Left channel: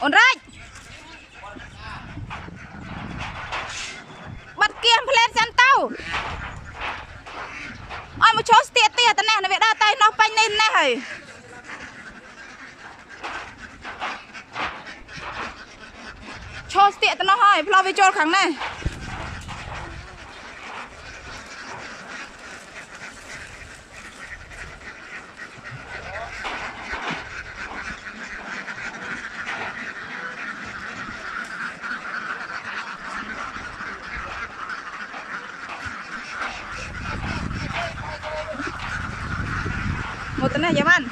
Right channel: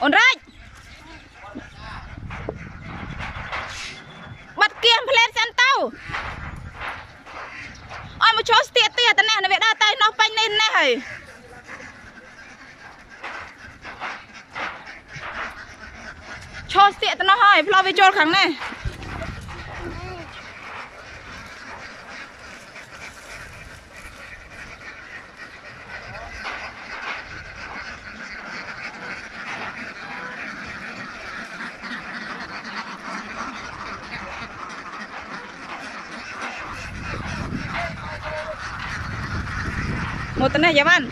ổn rách bật kiềm lên chân tàu ôi một chỗ tiệt tiệt này nó bị đa tay nó banh lên này cho tiệt nó hỏi lo về chỗ kháng này một tấn này bạn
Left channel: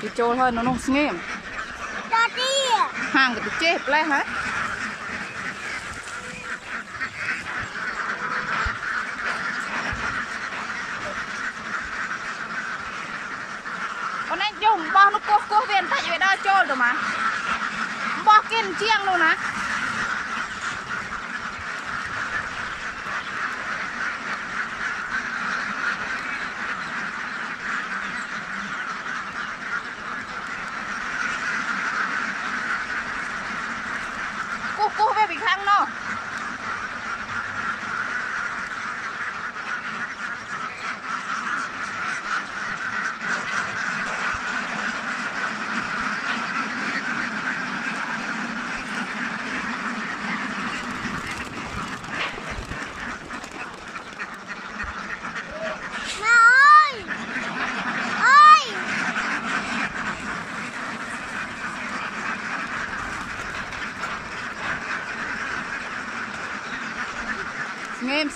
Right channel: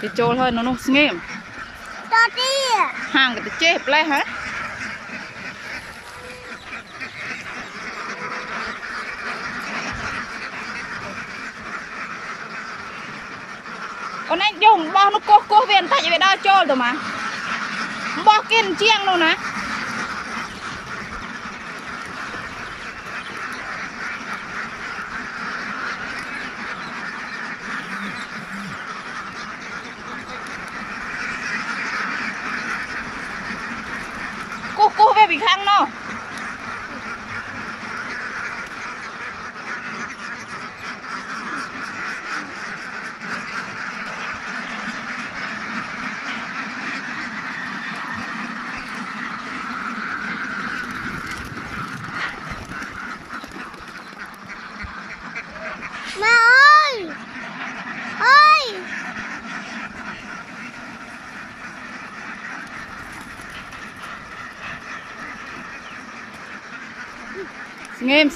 cái trôi hơn nó nghiêm hàng cái chép lại hả con anh dùng bao nó cô viên phải về đó trôi rồi mà bao kiên chiang luôn á cô về bị khăn nó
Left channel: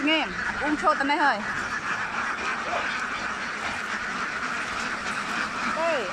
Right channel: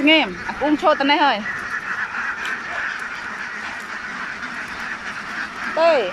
nghiêm cũng cho tận này thôi đây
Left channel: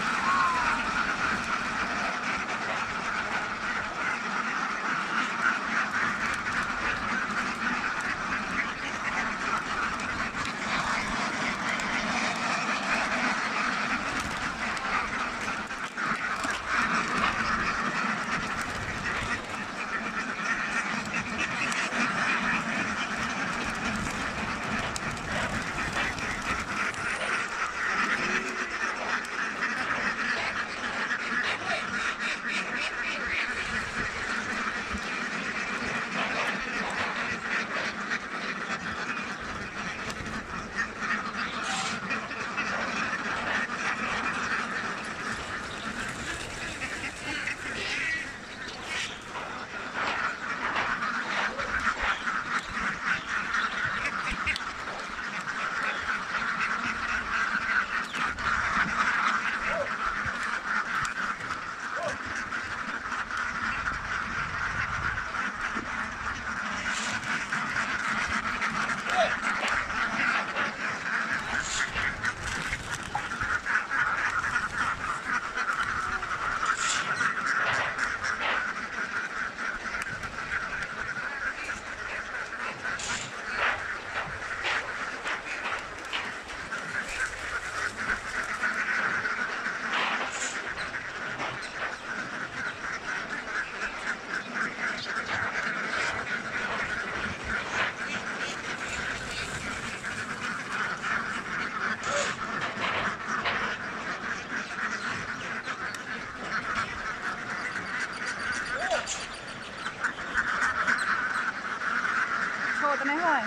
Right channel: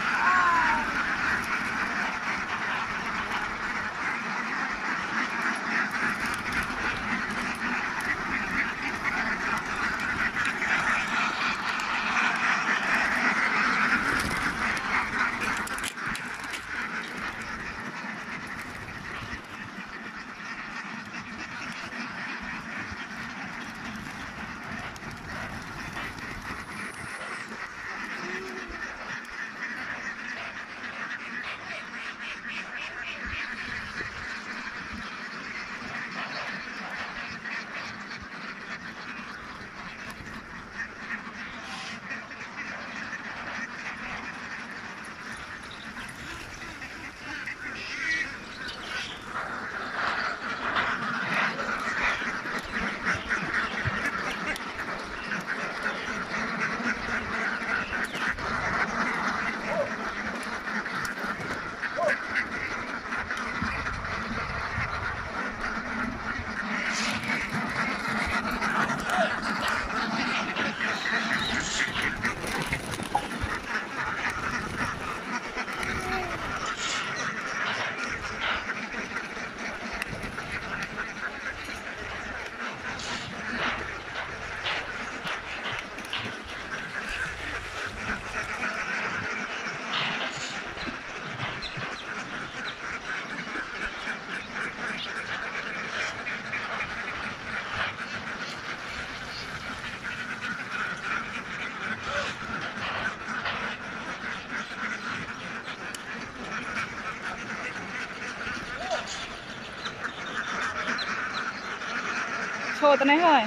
cho tận này thôi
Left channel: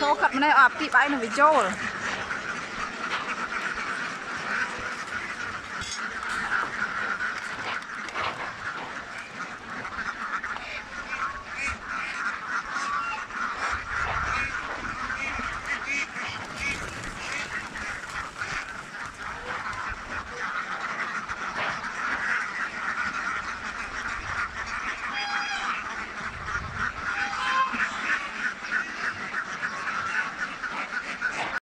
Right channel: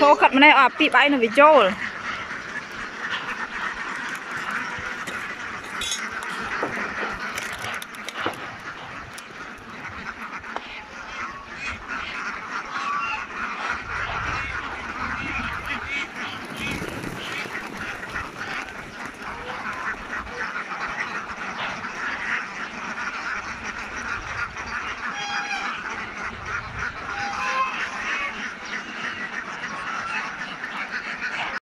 số khật mà này ở bị bãi nó bị trôi